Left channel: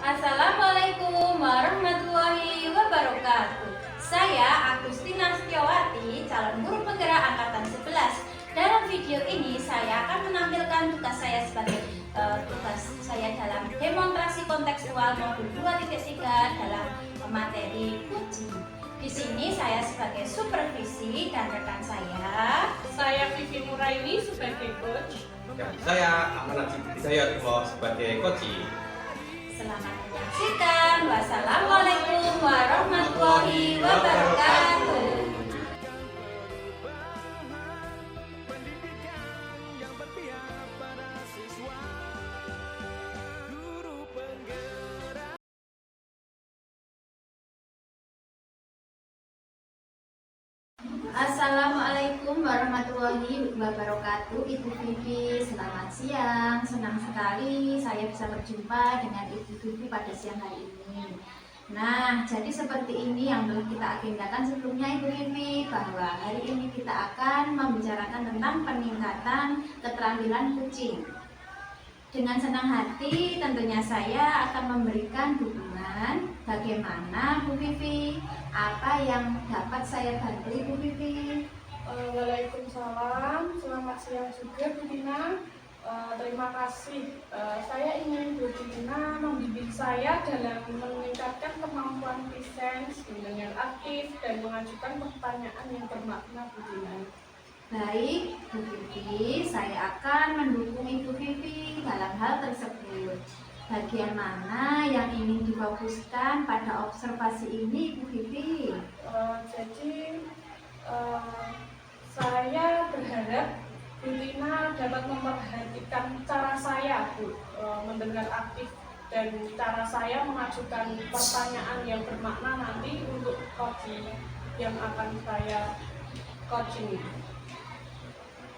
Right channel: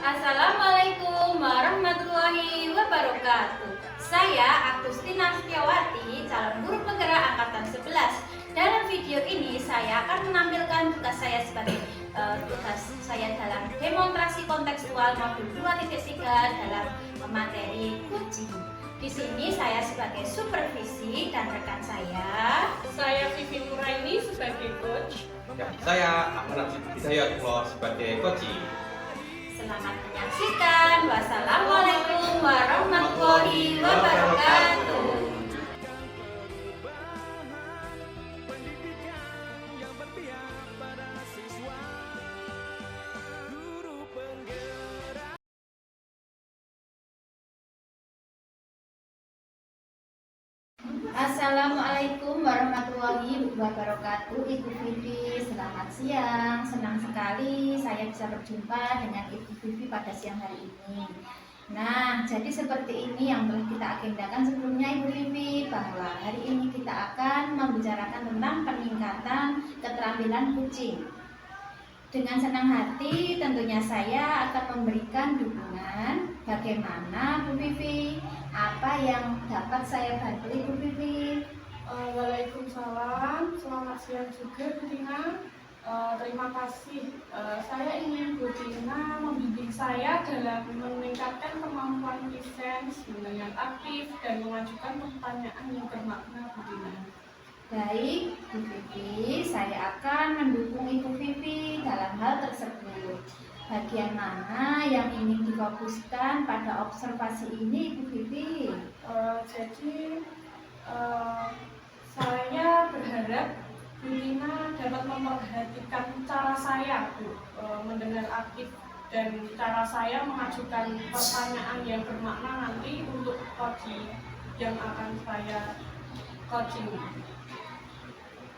Assalamualaikum warahmatullahi wabarakatuh. Saya Agustina Setiawati, calon guru penggerak angkatan 11. Dalam video ini saya akan menampilkan tugas saya sebagai tugas saya dalam demonstrasi kontekstual modul 2.3 dalam materi kucing. Di sini saya sebagai supervisi dan rekan saya Vivi Nuraini sebagai coach. Dan saya Ahmad Najib Hidayatullah sebagai coaching. Selamat menyaksikan. Wassalamualaikum warahmatullahi wabarakatuh. Assalamualaikum warahmatullahi wabarakatuh. Ibu Vivi, selamat siang. Senang sekali saya bisa berjumpa dengan Ibu Vivi pada siang hari ini. Nah, jadi seperti ini yang telah kita agendakan sebelumnya Ibu Vivi, bahwa hari ini kita akan membicarakan tentang peningkatan keterampilan kucing. Dengan senang hati tentunya saya akan memberikan dukungan bagaimana Bu Vivi, apa yang dapat saya bantu Ibu Vivi. Waalaikumsalam, selamat siang juga Bu Tina. Terima kasih. Saya ingin Bu Tina membimbing saya dalam meningkatkan kemampuan presence dengan aktif dan mengajukan pertanyaan yang bermakna Bu Tina. Baik, Bu Vivi, saya akan mendukung Ibu Vivi dalam hal tersebut. Bagian mana yang ingin difokuskan pada observasi ini, Bu Vivi? Saya berharap Bu Tina dapat memperhatikan cara saya mendengar aktif dan cara saya mengajukan pertanyaan yang bermakna nanti untuk coaching yang akan saya coaching.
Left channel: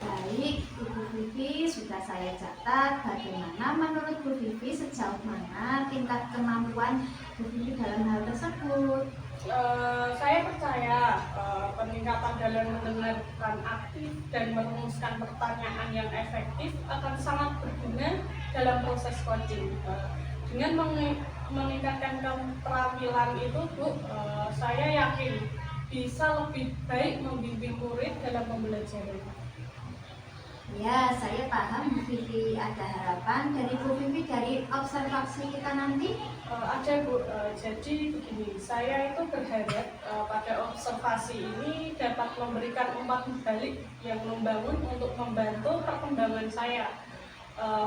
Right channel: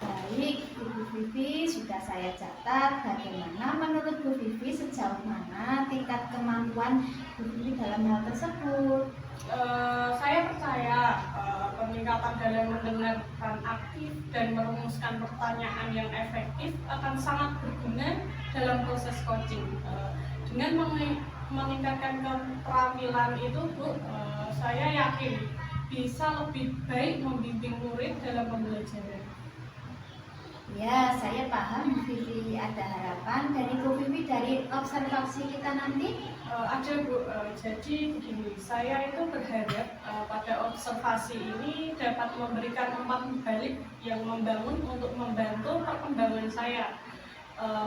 Baik, Ibu Vivi, sudah saya catat. Bagaimana menurut Bu Vivi, sejauh mana tingkat kemampuan Bu Vivi dalam hal tersebut? Saya percaya peningkatan dalam mendengarkan aktif dan merumuskan pertanyaan yang efektif akan sangat berguna dalam proses coaching. Dengan meningkatkan keterampilan itu, Bu, saya yakin bisa lebih baik membimbing murid dalam pembelajaran. Ya, saya paham Bu Vivi. Ada harapan dari Bu Vivi dari observasi kita nanti? Ada Bu, jadi begini, saya itu berharap pada observasi ini dapat memberikan umpan balik yang membangun untuk membantu perkembangan saya,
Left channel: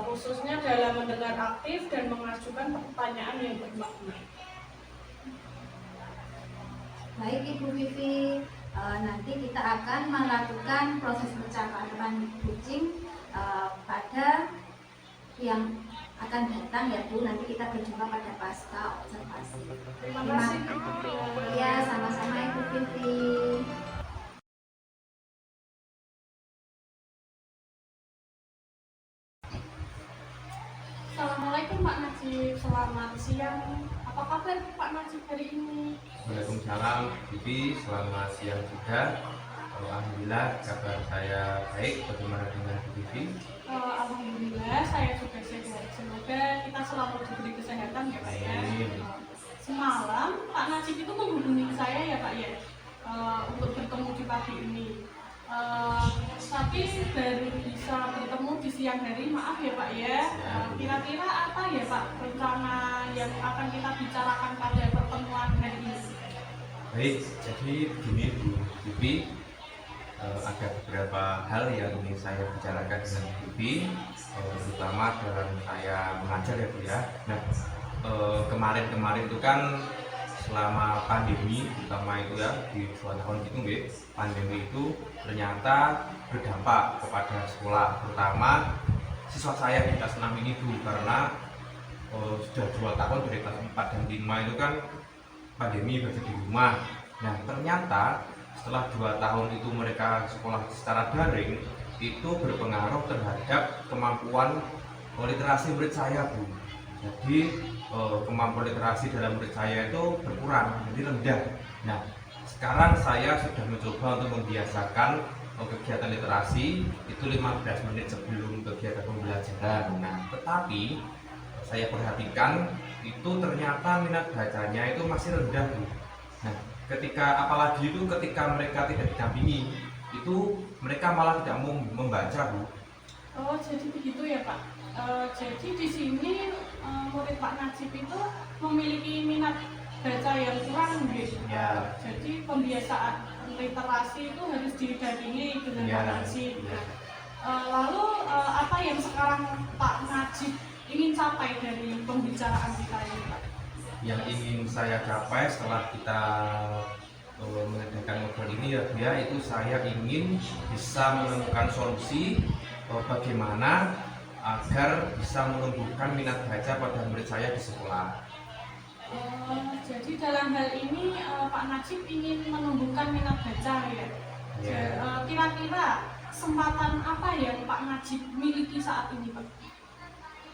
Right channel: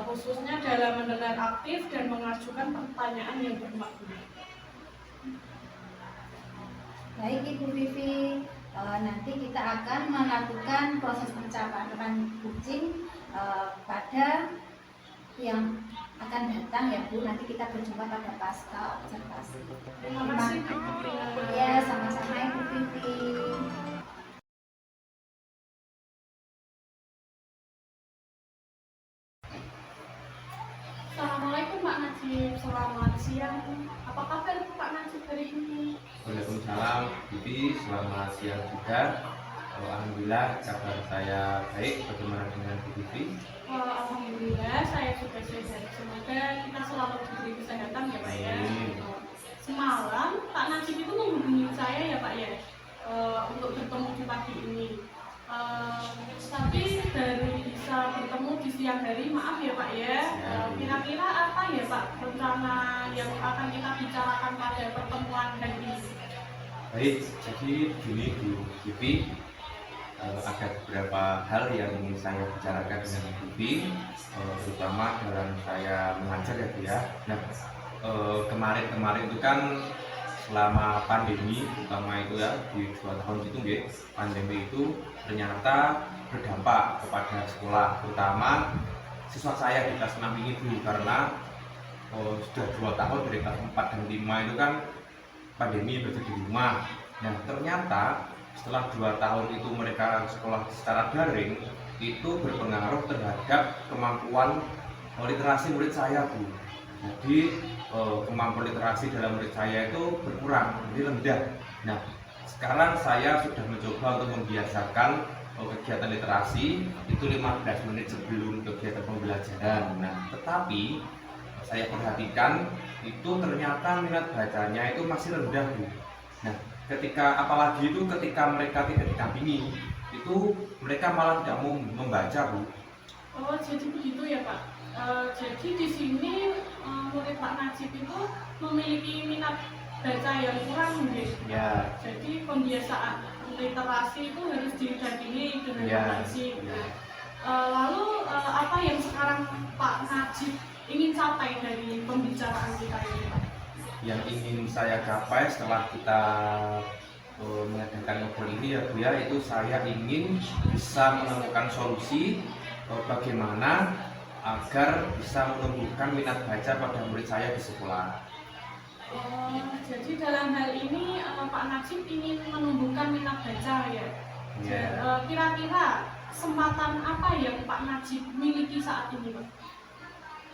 khususnya dalam mendengar aktif dan mengajukan pertanyaan yang bermakna. Baik Ibu Vivi, nanti kita akan melakukan proses pencapaian kucing pada yang akan datang ya Bu. Nanti kita berjumpa pada pasca observasi. Terima kasih. Ya, sama-sama Ibu Vivi. Assalamualaikum Pak Najib, selamat siang. Apa kabar Pak Najib hari ini? Waalaikumsalam, Bibi. Selamat siang juga. Alhamdulillah kabar saya baik. Bagaimana dengan Bu Bibi? Alhamdulillah saya juga sehat. Semoga kita selalu diberi kesehatan ya Pak ya. Semalam Pak Najib itu menghubungi saya ya Pak ya, untuk bertemu di pagi ini. Tapi baru bisa bertemu di siang hari, maaf ya Pak ya. Kira-kira apa ya Pak rencana yang akan kita bicarakan pada pertemuan hari ini? Baik, jadi begini Bu Bibi, ada beberapa hal yang ingin saya bicarakan dengan Bu Bibi, terutama dalam saya mengajar ya Bu ya. Nah, kemarin itu kan selama pandemi, terutama itu ya di 2 tahun gitu nggih, pandemi itu ternyata berdampak kepada sekolah, terutama siswa saya di kelas 6 ini Bu, karena sudah 2 tahun dari kelas 4 dan 5 itu kan pandemi belajar di rumah. Nah, ternyata setelah 2 tahun itu mereka sekolah secara daring, itu berpengaruh terhadap kemampuan literasi murid saya Bu. Jadi kemampuan literasi dalam murid saya itu berkurang, jadi rendah. Nah, sekarang saya sudah mencoba untuk membiasakan kegiatan literasi itu 15 menit sebelum kegiatan pembelajaran. Nah, tetapi saya perhatikan itu ternyata minat bacanya itu masih rendah Bu. Nah, ketika mereka tidak didampingi, itu mereka malah tidak mau membaca Bu. Oh, jadi begitu ya Pak. Jadi di sini murid Pak Najib itu memiliki minat baca yang kurang gitu. Ya. Jadi pembiasaan literasi itu harus didampingi dengan Ya. Pak Najib. Ya. Lalu apa yang sekarang Pak Najib ingin capai dari pembicaraan kita ini Pak? Yang ingin saya capai setelah kita mengadakan ngobrol ini ya Bu ya, itu saya ingin bisa menemukan solusi bagaimana agar bisa menumbuhkan minat baca pada murid saya di sekolah. Jadi dalam hal ini Pak Najib ingin menumbuhkan minat baca ya. Ya. Kira-kira kesempatan apa yang Pak Najib miliki saat ini Pak?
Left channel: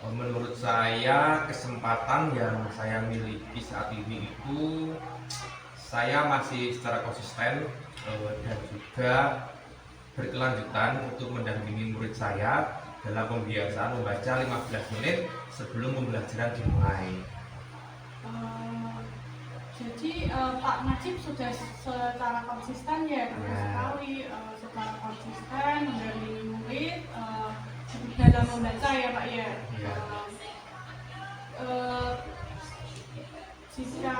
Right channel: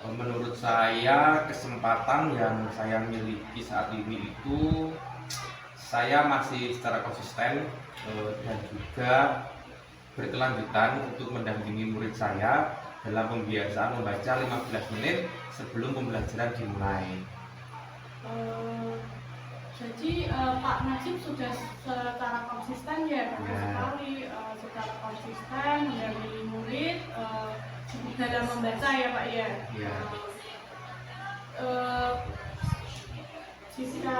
Menurut saya kesempatan yang saya miliki saat ini itu saya masih secara konsisten dan juga berkelanjutan untuk mendampingi murid saya dalam pembiasaan membaca 15 menit sebelum pembelajaran dimulai. Jadi Pak Najib sudah secara konsisten ya Pak Ya. sekali secara konsisten dari murid dalam membaca ya Pak ya. Ya. Jika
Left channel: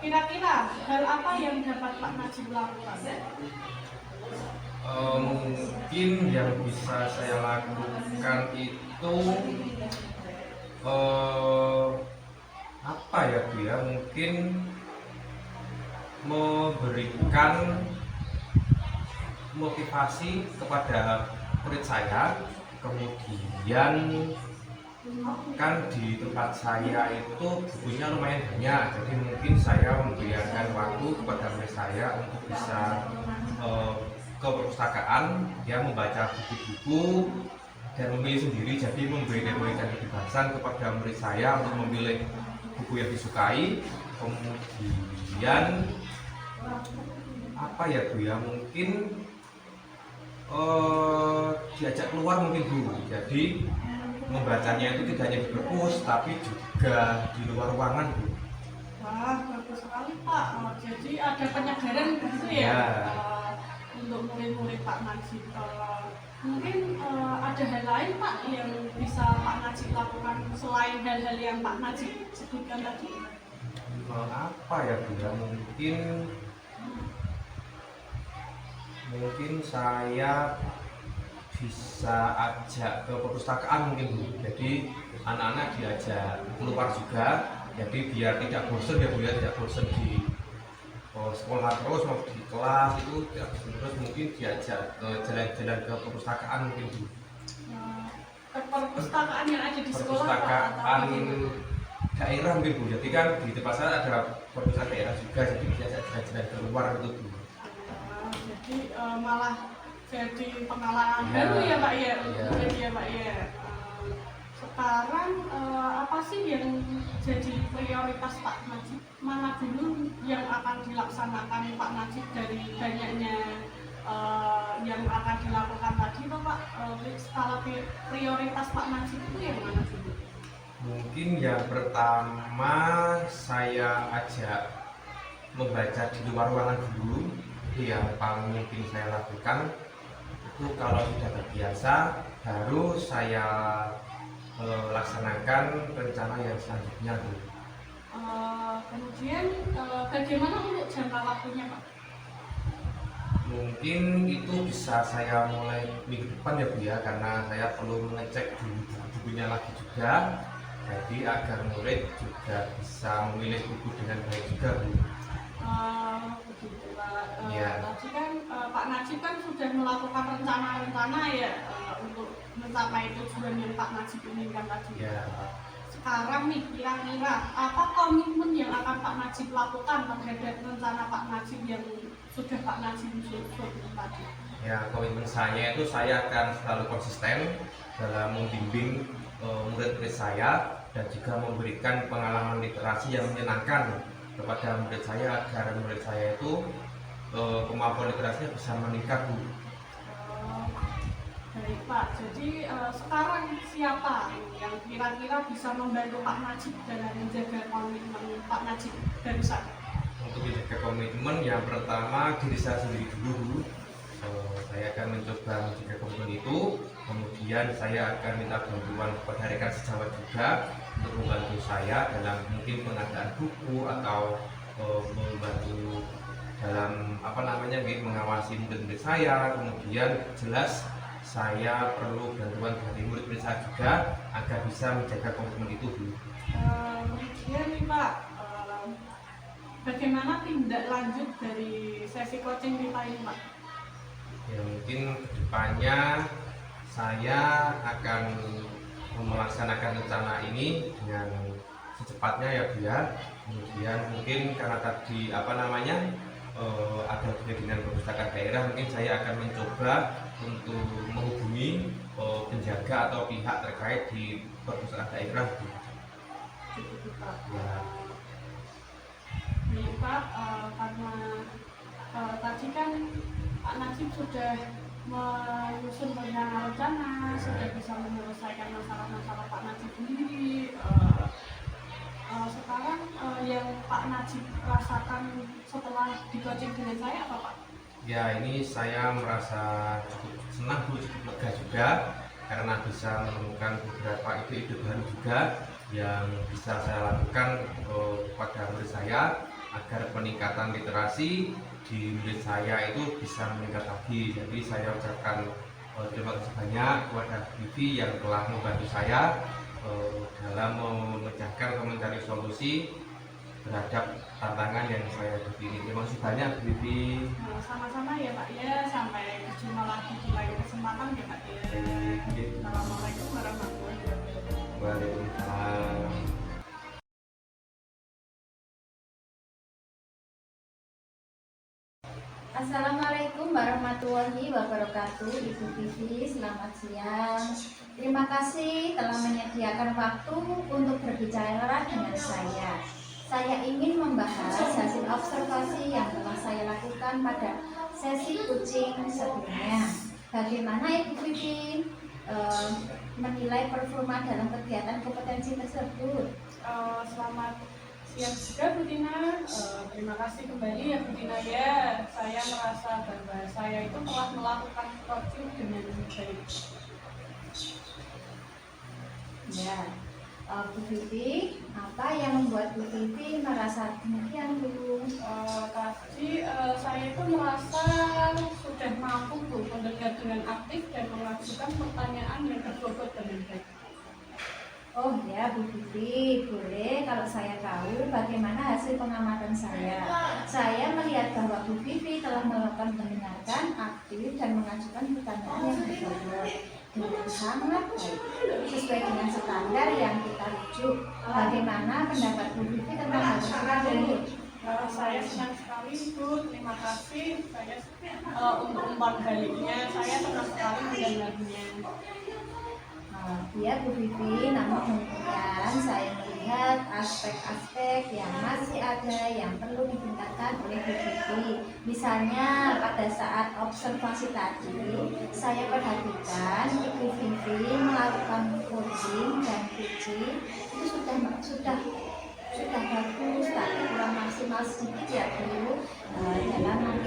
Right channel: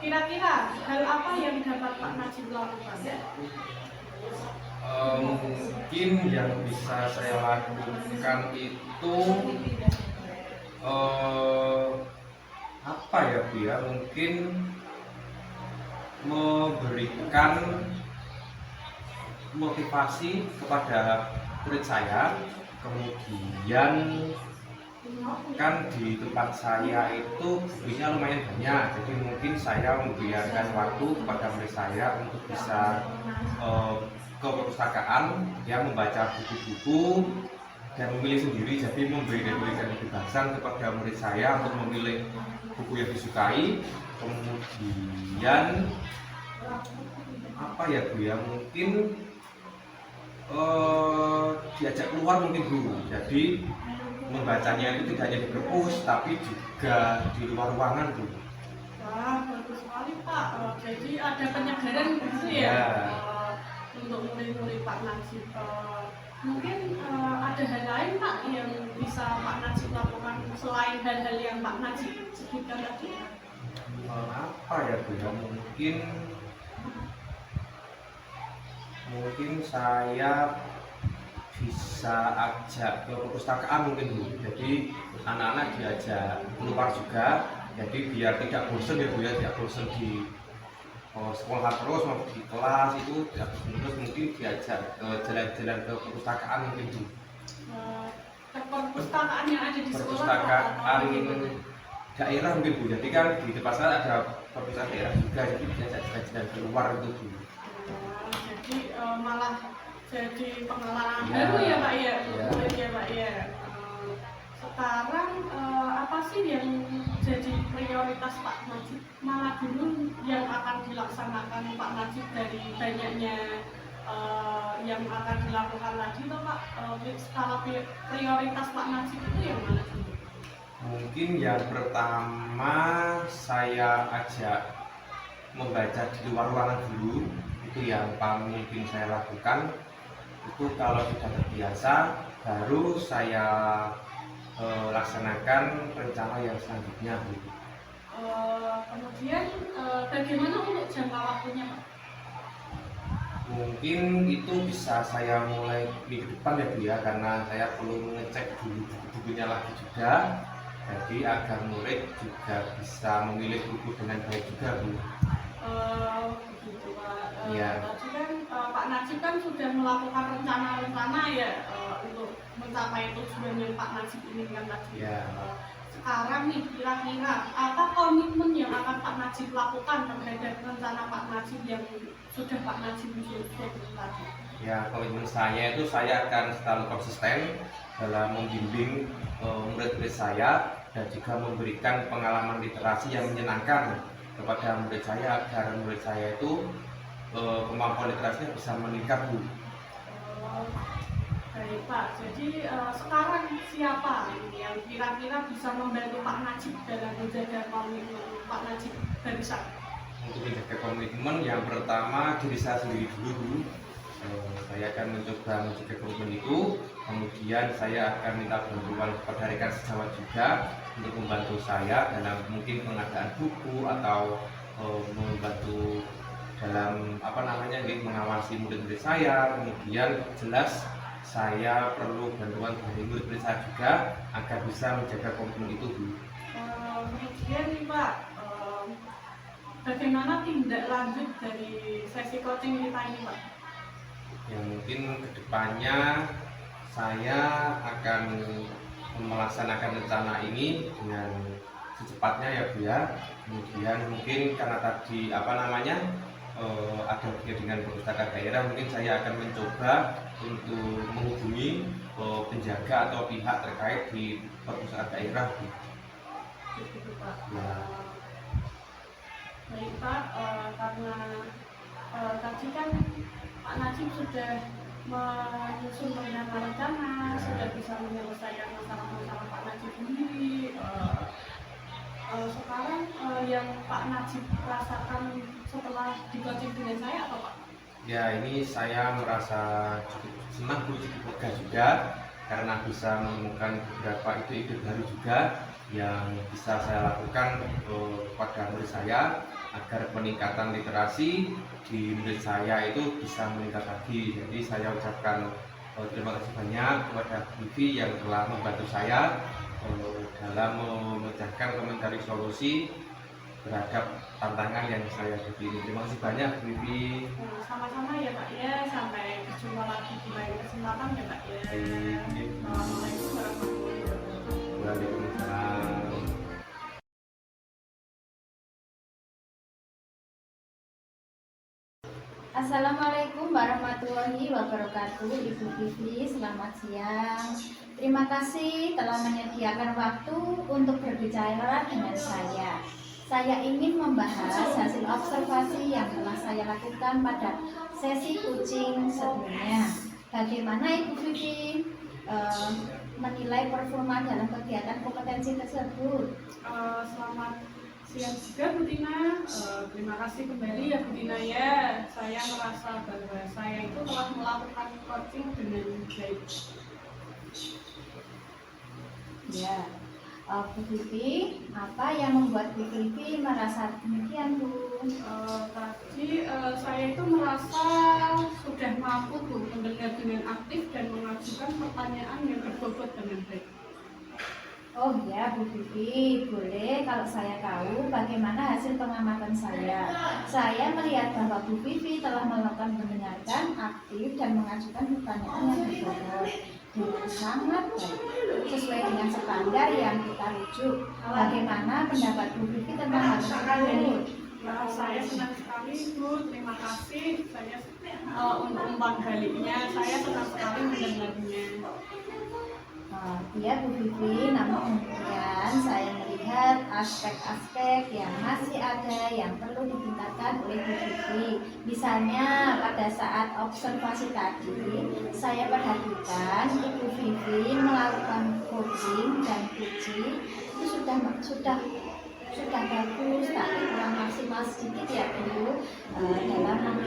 kira-kira hal apa yang dapat Pak Najib lakukan? Mungkin yang bisa saya lakukan itu apa ya Bu ya, mungkin memberikan motivasi kepada murid saya. Kemudian kan di tempat saya itu bukunya lumayan banyak, jadi mungkin saya membiarkan waktu kepada murid saya untuk bisa ke perpustakaan yang membaca buku-buku dan memilih sendiri, jadi memberikan kebebasan kepada murid saya untuk memilih buku yang disukai. Kemudian apa ya Bu ya, mungkin diajak keluar mungkin Bu, jadi membacanya itu tidak hanya di perpus tapi juga di luar ruangan Bu. Wah, bagus sekali Pak. Jadi ada penyegaran gitu ya, Ya. Untuk murid-murid Pak Najib. Mungkin ada hal lain Pak yang bisa Pak Najib lakukan selain hal-hal yang Pak Najib sebutkan tadi? Apa ya Bu ya, mungkin saya bisa ajak ke perpustakaan mungkin Bu, jadi anak-anak diajak keluar juga, jadi biar tidak bosan ya Bu ya, tidak bosan di sekolah terus mau di kelas itu tidak bosan terus, mungkin diajak ke jalan-jalan ke perpustakaan mungkin Bu. Ke perpustakaan yang ada di sekolah Pak? Perpustakaan Atau bagaimana? daerah mungkin Bu, jadi kan di tempat saya ada perpustakaan daerah juga, jadi diajak jalan-jalan keluar itu Bu. Jadi malah jadi pengalaman Ya. baru ya Pak ya, Ya. ya Pak ya. Sekarang apa sih yang jadi prioritas Pak Najib? Mana dulu yang akan dilaksanakan Pak Najib dari banyaknya yang akan dilakukan tadi toh Pak? Skala prioritas Pak Najib itu yang mana dulu? Mungkin yang pertama saya ajak membaca di luar ruangan dulu, itu yang paling mungkin saya lakukan. Itu kalau sudah terbiasa, baru saya laksanakan rencana yang selanjutnya Bu. Kemudian bagaimana untuk jangka waktunya Pak? Mungkin itu bisa saya mulai minggu depan ya Bu ya, karena saya perlu mengecek dulu bukunya lagi juga, jadi agar murid juga bisa memilih buku dengan baik juga Bu. Begitu Pak. Iya. Tadi kan Pak Najib kan sudah melakukan rencana-rencana ya untuk mencapai tujuan yang Pak Najib inginkan tadi. Iya. Sekarang nih kira-kira apa komitmen yang akan Pak Najib lakukan terhadap rencana Pak Najib yang sudah Pak Najib susun tadi? Ya, komitmen saya itu saya akan selalu konsisten dalam membimbing murid-murid saya dan juga memberikan pengalaman literasi yang menyenangkan kepada murid saya agar murid saya itu kemampuan literasinya bisa meningkat Bu. Baik Pak, jadi sekarang siapa yang kira-kira bisa membantu Pak Najib dalam menjaga komitmen Pak Najib dari saya? Untuk menjaga komitmen, yang pertama diri saya sendiri dulu. Saya akan mencoba menjaga komitmen itu, kemudian saya akan minta bantuan kepada rekan sejawat juga untuk membantu saya dalam mungkin pengadaan buku atau membantu dalam mengawasi murid-murid saya. Kemudian jelas saya perlu bantuan dari murid-murid saya juga agar bisa menjaga komitmen itu, Bu. Kemudian nih Pak, bagaimana tindak lanjut dari sesi coaching kita ini Pak? Ya mungkin kedepannya saya akan melaksanakan rencana ini dengan secepatnya ya Bu ya. Kemudian mungkin karena tadi ada hubungan dengan perpustakaan daerah, mungkin saya akan mencoba untuk menghubungi penjaga atau pihak terkait di perpustakaan daerah. Gitu, Pak. Ya. Baik Pak, karena tadi kan Pak Najib sudah menyusun rencana, sudah bisa menyelesaikan masalah-masalah Pak Najib sendiri. Sekarang yang Pak Najib rasakan setelah di coaching dengan saya apa Pak? Ya, ini saya merasa cukup senang, Bu, cukup lega juga karena bisa menemukan beberapa ide-ide baru juga yang bisa saya lakukan kepada murid saya agar peningkatan literasi di murid saya itu bisa meningkat lagi. Jadi saya ucapkan terima kasih banyak kepada Vivi yang telah membantu saya dalam memecahkan atau mencari solusi terhadap tantangan yang saya hadapi ini. Terima kasih banyak, Vivi. Sama-sama ya Pak ya, sampai berjumpa lagi di lain kesempatan ya Pak ya. Assalamualaikum warahmatullahi wabarakatuh. Waalaikumsalam. Assalamualaikum warahmatullahi wabarakatuh. Ibu Vivi, selamat siang. Terima kasih telah menyediakan waktu untuk berbicara dengan saya. Saya ingin membahas hasil observasi yang telah saya lakukan pada sesi coaching sebelumnya. Bagaimana Ibu Vivi menilai performa dalam kegiatan kompetensi tersebut? Selamat siang juga Bu Tina. Terima kasih kembali ya Bu Tina ya. Saya merasa bahwa saya itu telah melakukan coaching dengan baik. Ya, Bu Vivi, apa yang membuat Bu Vivi merasa demikian, Bu? Tadi saya itu merasa sudah mampu Bu mendengar dengan aktif dan mengajukan pertanyaan yang berbobot dengan baik. Oh ya, Bu Vivi, boleh kalau saya tahu bagaimana hasil pengamatan saya. Saya melihat bahwa Bu Vivi telah melakukan mendengarkan aktif dan mengajukan pertanyaan yang berbobot dengan sangat baik, sesuai dengan standar yang kita rujuk. Bagaimana pendapat Bu Vivi tentang hal tersebut? Saya senang sekali Bu, terima kasih. Saya untuk umpan baliknya, saya senang sekali mendengarnya. Ya Bu Vivi, namun kemudian saya melihat aspek-aspek yang masih ada yang perlu ditingkatkan oleh Bu Vivi. Misalnya pada saat observasi tadi, saya perhatikan Ibu Vivi melakukan coaching dan puji itu sudah bagus, tapi kurang maksimal sedikit ya Bu dalam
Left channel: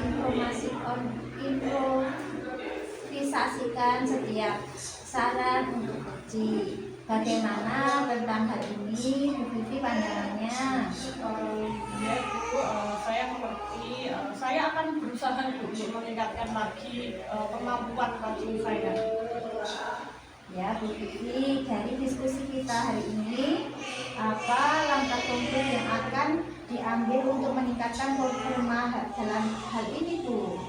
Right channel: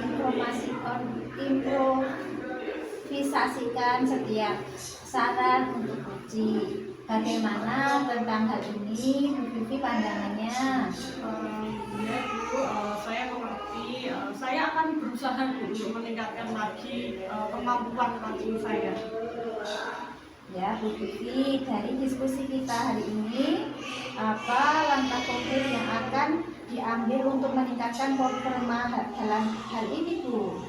improvisasikan setiap saran untuk uji. Bagaimana tentang hal ini, Bu Vivi pandangannya? Ya Bu, saya mengerti. Saya akan berusaha Bu untuk meningkatkan lagi kemampuan coaching saya. Ya Bu Vivi, dari diskusi kita hari ini, apa langkah konkret yang akan diambil untuk meningkatkan performa dalam hal ini, Bu?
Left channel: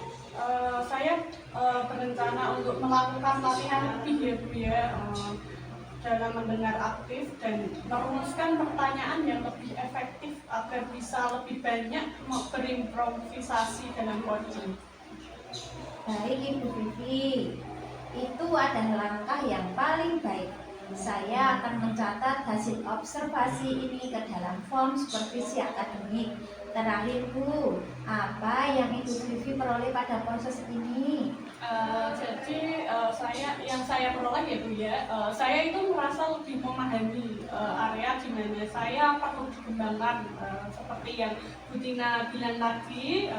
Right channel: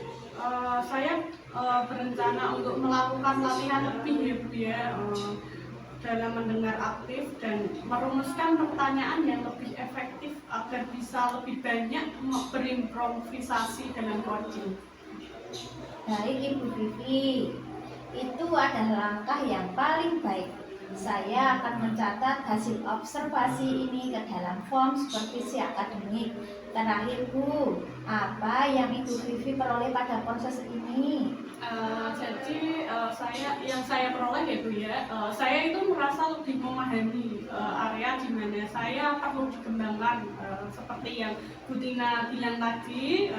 Saya berencana untuk melakukan latihan lebih ya Bu ya, dalam mendengar aktif dan merumuskan pertanyaan yang lebih efektif agar bisa lebih banyak berimprovisasi dalam coaching. Baik Ibu Vivi, itu adalah langkah yang paling baik. Saya akan mencatat hasil observasi ini ke dalam form supervisi akademik. Terakhir Bu, apa yang Ibu Vivi peroleh pada proses ini? Saya peroleh ya Bu ya, saya itu merasa lebih memahami area di mana saya perlu dikembangkan, seperti yang Bu Tina bilang tadi.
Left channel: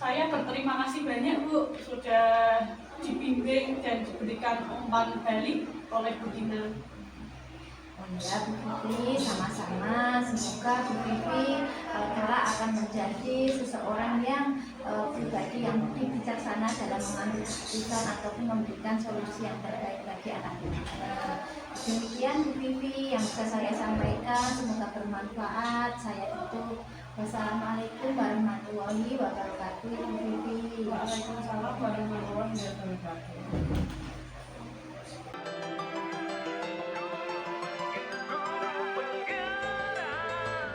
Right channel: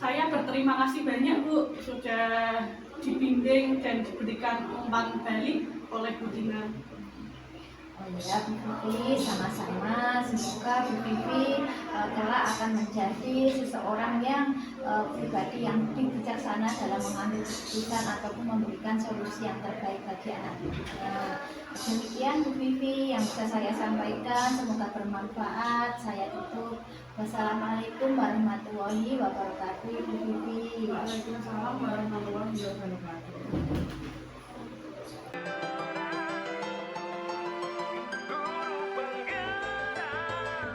Saya berterima kasih banyak Bu sudah dibimbing dan diberikan umpan balik oleh Bu Tina. Oh ya, Bu Vivi, sama-sama. Semoga Bu Vivi kelak akan menjadi seseorang yang pribadi yang lebih bijaksana dalam mengambil keputusan ataupun memberikan solusi yang terbaik bagi anak kita. Demikian Bu Vivi yang bisa saya sampaikan. Semoga bermanfaat. Saya tutup. Wassalamualaikum warahmatullahi wabarakatuh, Bu Vivi. Waalaikumsalam warahmatullahi wabarakatuh.